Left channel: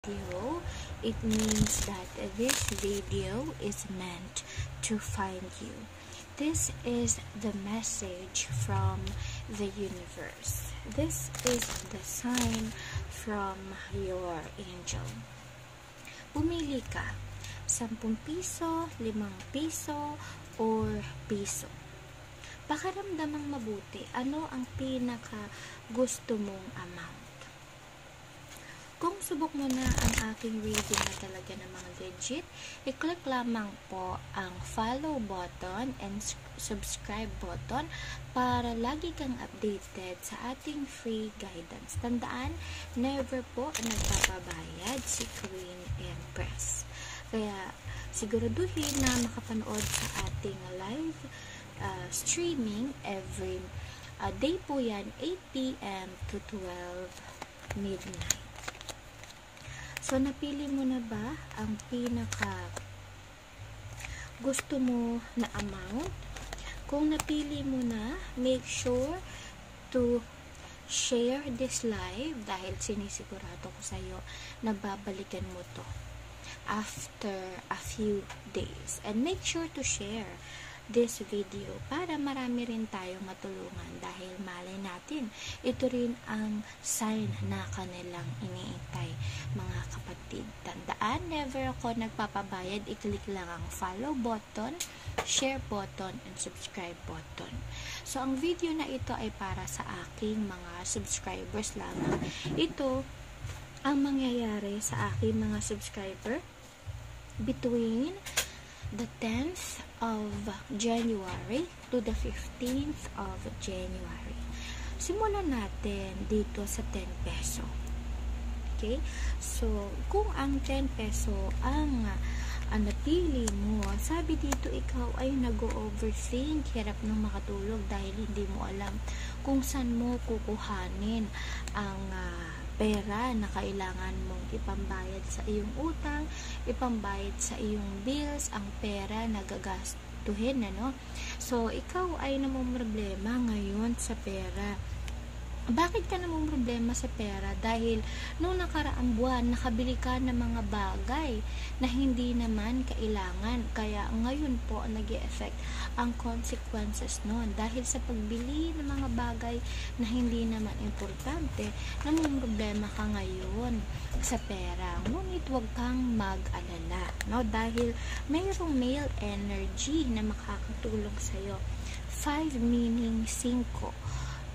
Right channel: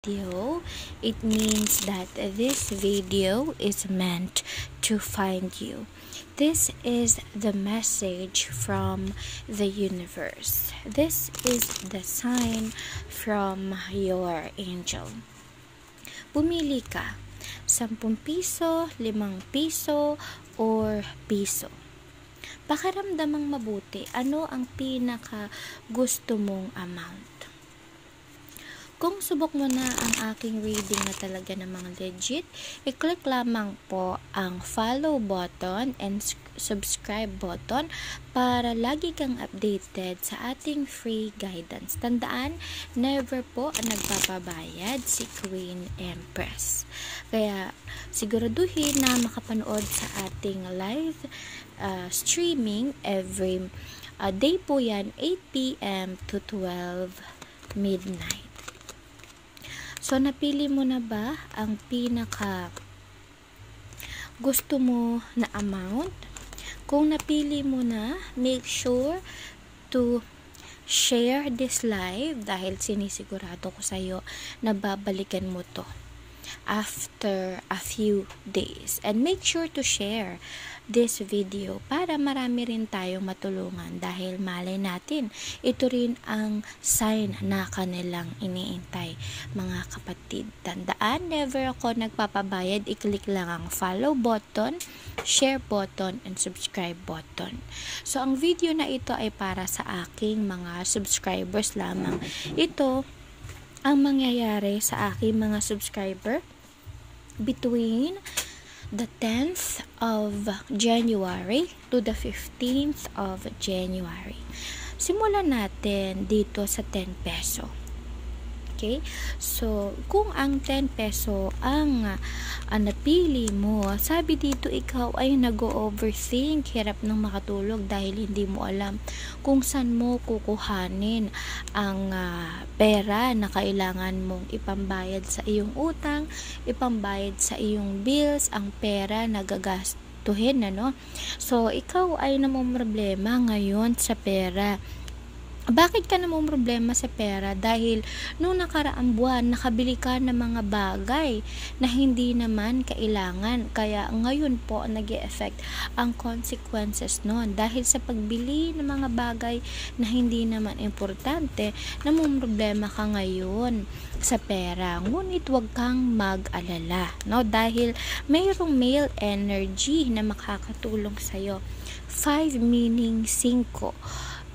video, it means that this video is meant to find you. This is the message from the universe. This is the sign from your angel. Pumili ka, 10 piso, 5 piso, or piso. Pakiramdamang mabuti, ano ang pinaka gusto mong amount? Kung subok mo na ang aking reading na talaga namang legit, i-click lamang po ang follow button and subscribe button para lagi kang updated sa ating free guidance. Tandaan, never po nagpapabayad si Queen Empress. Kaya siguraduhin na makapanood sa ating live streaming every day po yan, 8 p.m. to 12 midnight. So, napili mo na ba ang pinaka gusto mo na amount? Kung napili mo na, make sure to share this live dahil sinisigurado ko sa'yo na babalikan mo to after a few days. And make sure to share this video para marami rin tayo matulungan dahil malay natin ito rin ang sign na kanilang iniintay. Mga kapatid, tandaan, never ako nagpapabayad. I-click lang ang follow button, share button, and subscribe button. So, ang video na ito ay para sa aking mga subscribers lamang. Ito ang mangyayari sa aking mga subscriber between the 10th of January to the 15th of January. Simulan natin dito sa 10 peso. Okay? So, kung ang 10 peso ang napili mo, sabi dito ikaw ay nag-overthink, hirap nang makatulog dahil hindi mo alam kung saan mo kukuhanin ang pera na kailangan mong ipambayad sa iyong utang, ipambayad sa iyong bills, ang pera na gagastuhin, ano? So, ikaw ay namomroblema ngayon sa pera. Bakit ka namang problema sa pera? Dahil nung nakaraang buwan, nakabili ka ng mga bagay na hindi naman kailangan. Kaya ngayon po nag-e-effect ang consequences nun. Dahil sa pagbili ng mga bagay na hindi naman importante, namang problema ka ngayon sa pera. Ngunit huwag kang mag-alala, no? Dahil mayroong male energy na makakatulong sa'yo. 5 meaning 5.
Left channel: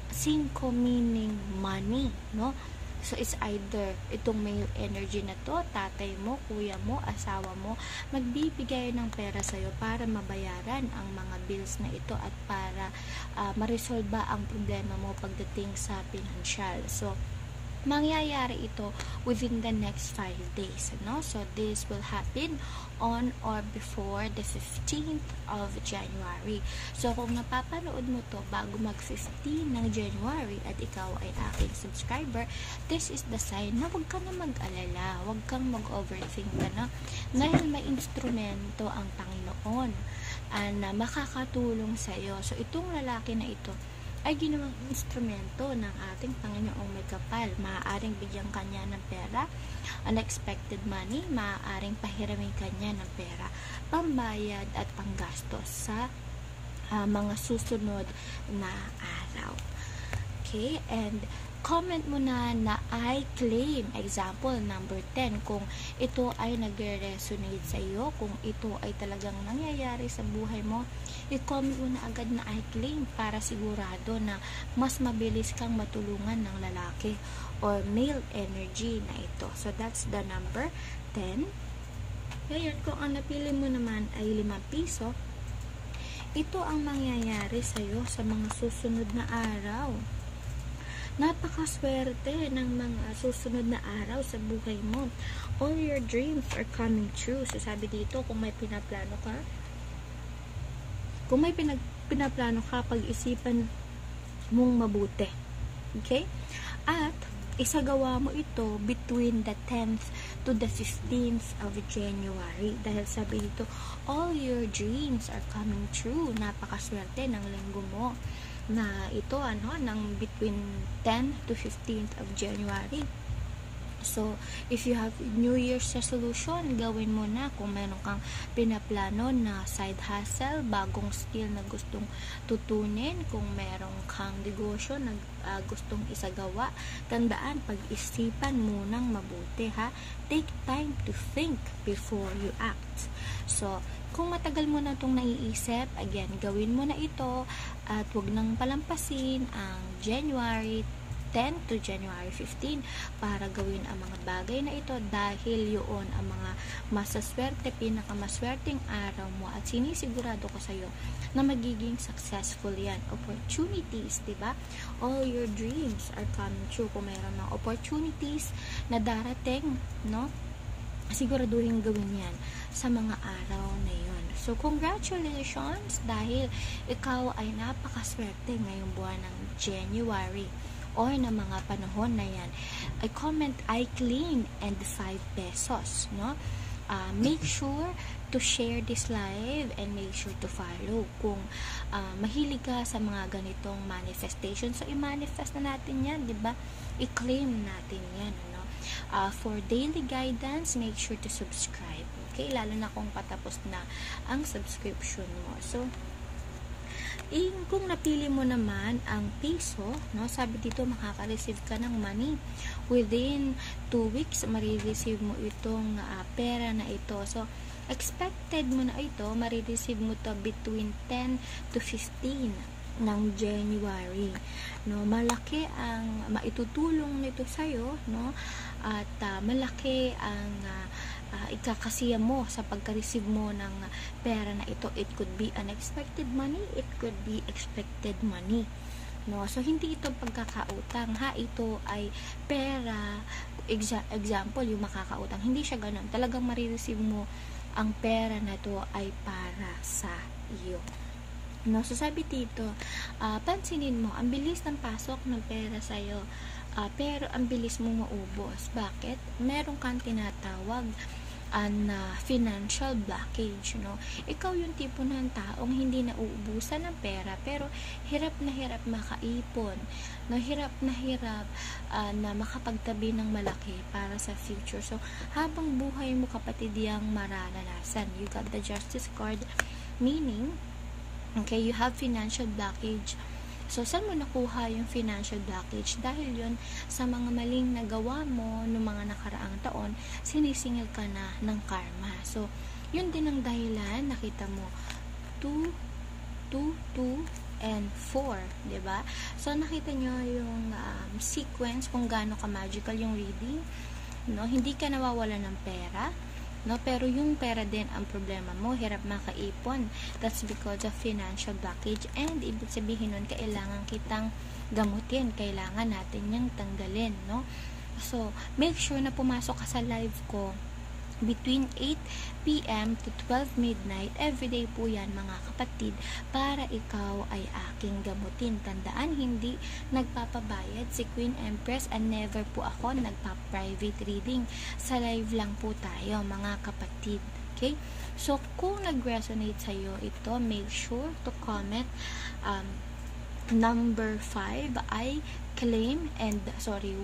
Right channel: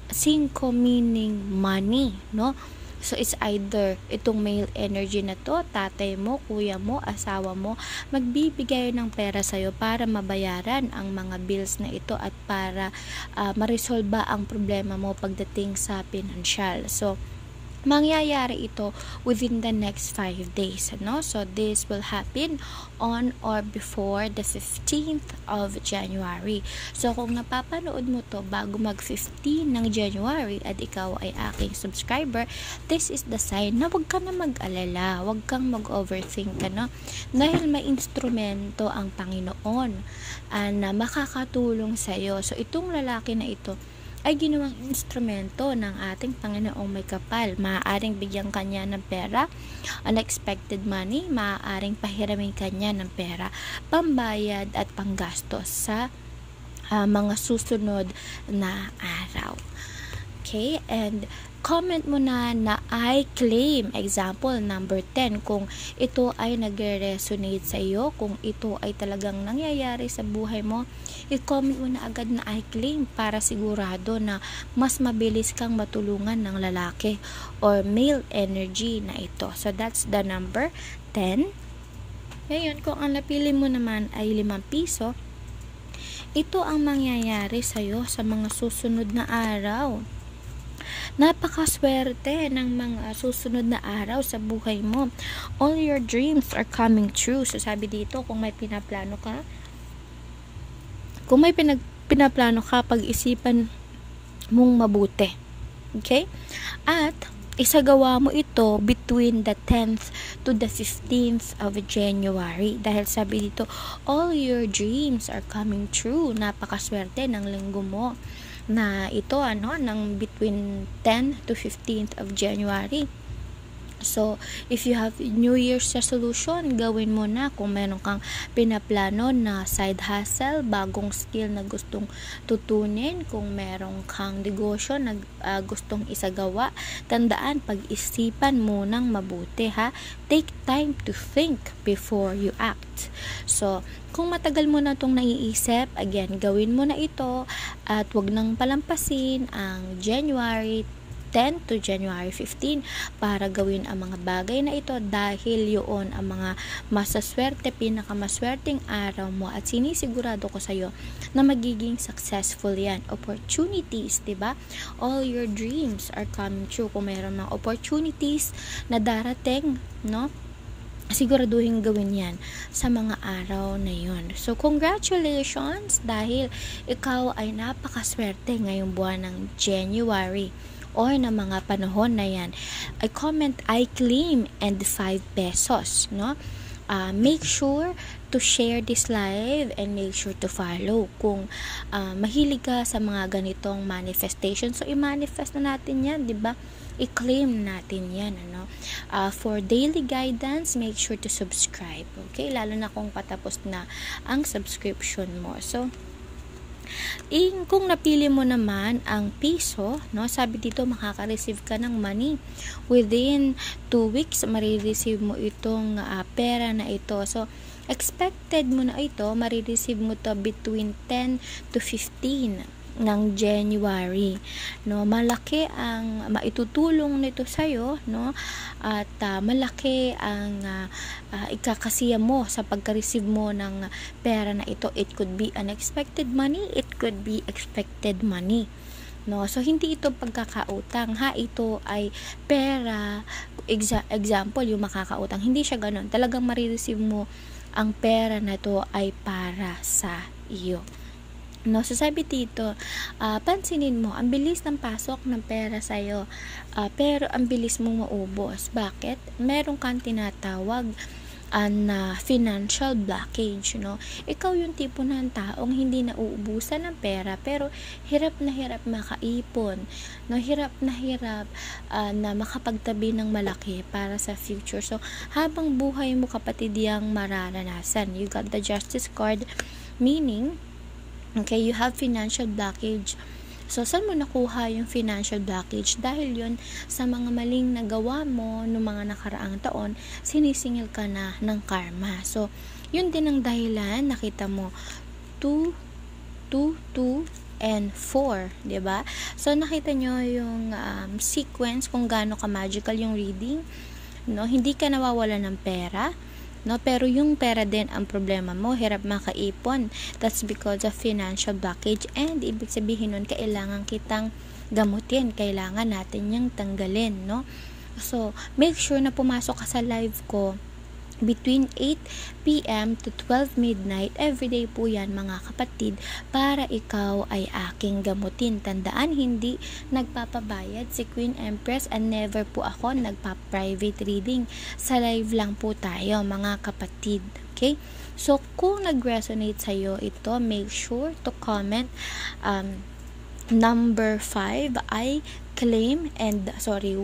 5 meaning money, no? So, it's either itong male energy na to, tatay mo, kuya mo, asawa mo, magbibigay ng pera sa'yo para mabayaran ang mga bills na ito at para maresolba ang problema mo pagdating sa pinansyal. So, mangyayari ito within the next 5 days, no? So, this will happen on or before the 15th of January. So, kung napapanood mo to bago mag-15 ng January at ikaw ay aking subscriber, this is the sign na huwag ka na mag-alala, huwag kang mag-overthink, no? Dahil may instrumento ang Panginoon na makakatulong sa'yo. So, itong lalaki na ito ay ginawang instrumento ng ating Panginoong may kapal. Maaaring bigyan kanya ng pera, unexpected money, maaaring pahiramin kanya ng pera, pambayad at panggastos sa mga susunod na araw. Okay? And comment mo na I claim, example number 10, kung ito ay nagre-resonate sa iyo, kung ito ay talagang nangyayari sa buhay mo, i-comment mo na agad na I claim para sigurado na mas mabilis kang matulungan ng lalaki or male energy na ito. So, that's the number 10. Ngayon, kung ang napili mo naman ay 5 piso, ito ang mangyayari sa iyo sa mga susunod na araw. Napakaswerte ng mga susunod na araw sa buhay mo. All your dreams are coming true. So, sabi dito, kung may pinaplano ka, pag-isipan mong mabuti. Okay? At, isagawa mo ito between the 10th to the 15th of January. Dahil sabi dito, all your dreams are coming true. Napakaswerte ng linggo mo na ito, ng between 10 to 15th of January. So, if you have New Year's resolution, gawin mo na. Kung meron kang pinaplano na side hustle, bagong skill na gustong tutunin, kung meron kang negosyo na gustong isagawa, tandaan, pag-isipan mo nang mabuti, ha? Take time to think before you act. So, kung matagal mo na itong naiisip, again, gawin mo na ito at wag nang palampasin ang January 10 to January 15 para gawin ang mga bagay na ito dahil yun ang mga masaswerte, pinakamaswerteng araw mo at sinisigurado ko sa'yo na magiging successful yan. Opportunities, diba? All your dreams are coming true. Kung mayroon mga opportunities na darating, no? Siguraduhin gawin yan sa mga araw na yun. So, congratulations dahil ikaw ay napakaswerte ngayong buwan ng January or na mga panahon na yan. I comment, I claim, and 5 pesos, no? Make sure to share this live and make sure to follow kung mahilig ka sa mga ganitong manifestation. So, i-manifest na natin yan, di ba? I-claim natin yan, ano? For daily guidance, make sure to subscribe, okay? Lalo na kung patapos na ang subscription mo. So, kung napili mo naman ang piso, no, sabi dito makaka-receive ka ng money within 2 weeks, marireceive mo itong pera na ito. So, expected mo na ito, marireceive mo to between 10 to 15 ng January, no? Malaki ang maitutulong nito sa'yo, no? At malaki ang ikakasiya mo sa pagka-receive mo ng pera na ito. It could be unexpected money, it could be expected money, no? So, hindi ito pagkakautang, ha? Ito ay pera, example, yung makakautang. Hindi siya ganun. Talagang marireceive mo ang pera na ito ay para sa iyo. No, so sabi dito, pansinin mo, ang bilis ng pasok ng pera sa'yo, pero ang bilis mong maubos. Bakit? Meron kang tinatawag na financial blockage, no? Ikaw yung tipo ng taong hindi nauubusan ng pera, pero hirap na hirap makaipon, no? Hirap na makapagtabi ng malaki para sa future. So, habang buhay mo, kapatid, yang mararanasan. You got the justice card, meaning, okay, you have financial blockage. So, saan mo nakuha yung financial blockage? Dahil yun, sa mga maling nagawa mo noong mga nakaraang taon, sinisingil ka na ng karma. So, yun din ang dahilan, nakita mo, 2, 2, 2, and 4, diba? So, nakita nyo yung sequence kung gaano ka magical yung reading, no? Hindi ka nawawala ng pera, no? Pero yung pera din ang problema mo, hirap makaipon. That's because of financial blockage, and ibig sabihin nun, kailangan kitang gamutin, kailangan natin yung tanggalin, no? So, make sure na pumasok ka sa live ko between 8 p.m. to 12 midnight. Everyday po yan, mga kapatid, para ikaw ay aking gamutin. Tandaan, hindi nagpapabayad si Queen Empress, and never po ako nagpa-private reading. Sa live lang po tayo, mga kapatid. Okay? So, kung nag-resonate sa'yo ito, make sure to comment number 5, I claim, and 1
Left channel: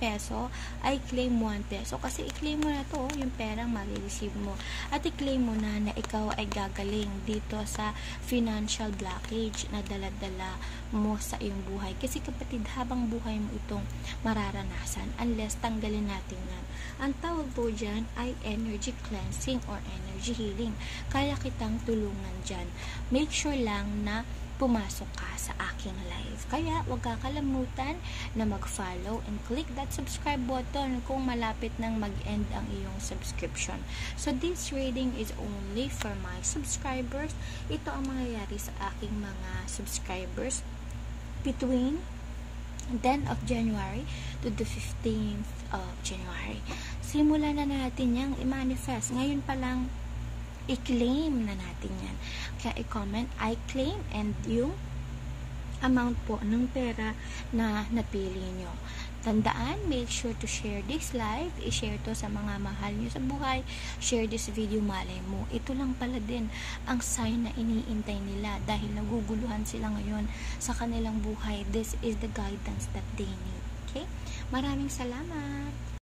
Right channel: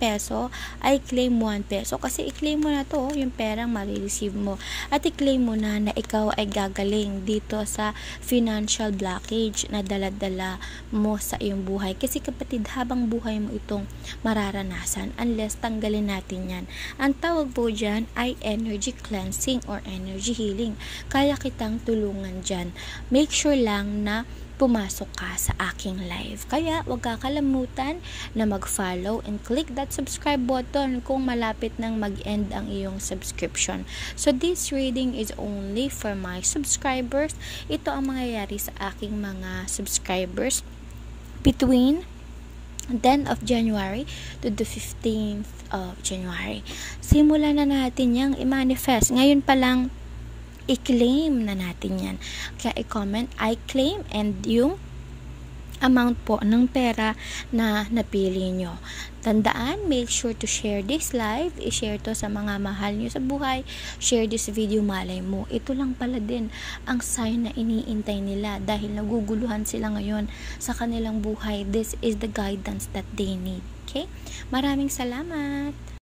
peso, I claim 1 peso. Kasi i-claim mo na to, yung perang marireceive mo. At i-claim mo na ikaw ay gagaling dito sa financial blockage na dala-dala mo sa iyong buhay. Kasi kapatid, habang buhay mo itong mararanasan unless tanggalin natin yan. Ang tawag po dyan ay energy cleansing or energy healing. Kaya kitang tulungan dyan. Make sure lang na pumasok ka sa aking live. Kaya, huwag kakalimutan na mag-follow and click that subscribe button kung malapit nang mag-end ang iyong subscription. So, this reading is only for my subscribers. Ito ang mangyayari sa aking mga subscribers between 10th of January to the 15th of January. Simulan na natin yang i-manifest. Ngayon pa lang, i-claim na natin yan. Kaya i-comment, I claim, and yung amount po ng pera na napili nyo. Tandaan, make sure to share this live. I-share to sa mga mahal nyo sa buhay. Share this video, malay mo. Ito lang pala din ang sign na iniintay nila dahil naguguluhan sila ngayon sa kanilang buhay. This is the guidance that they need. Okay? Maraming salamat!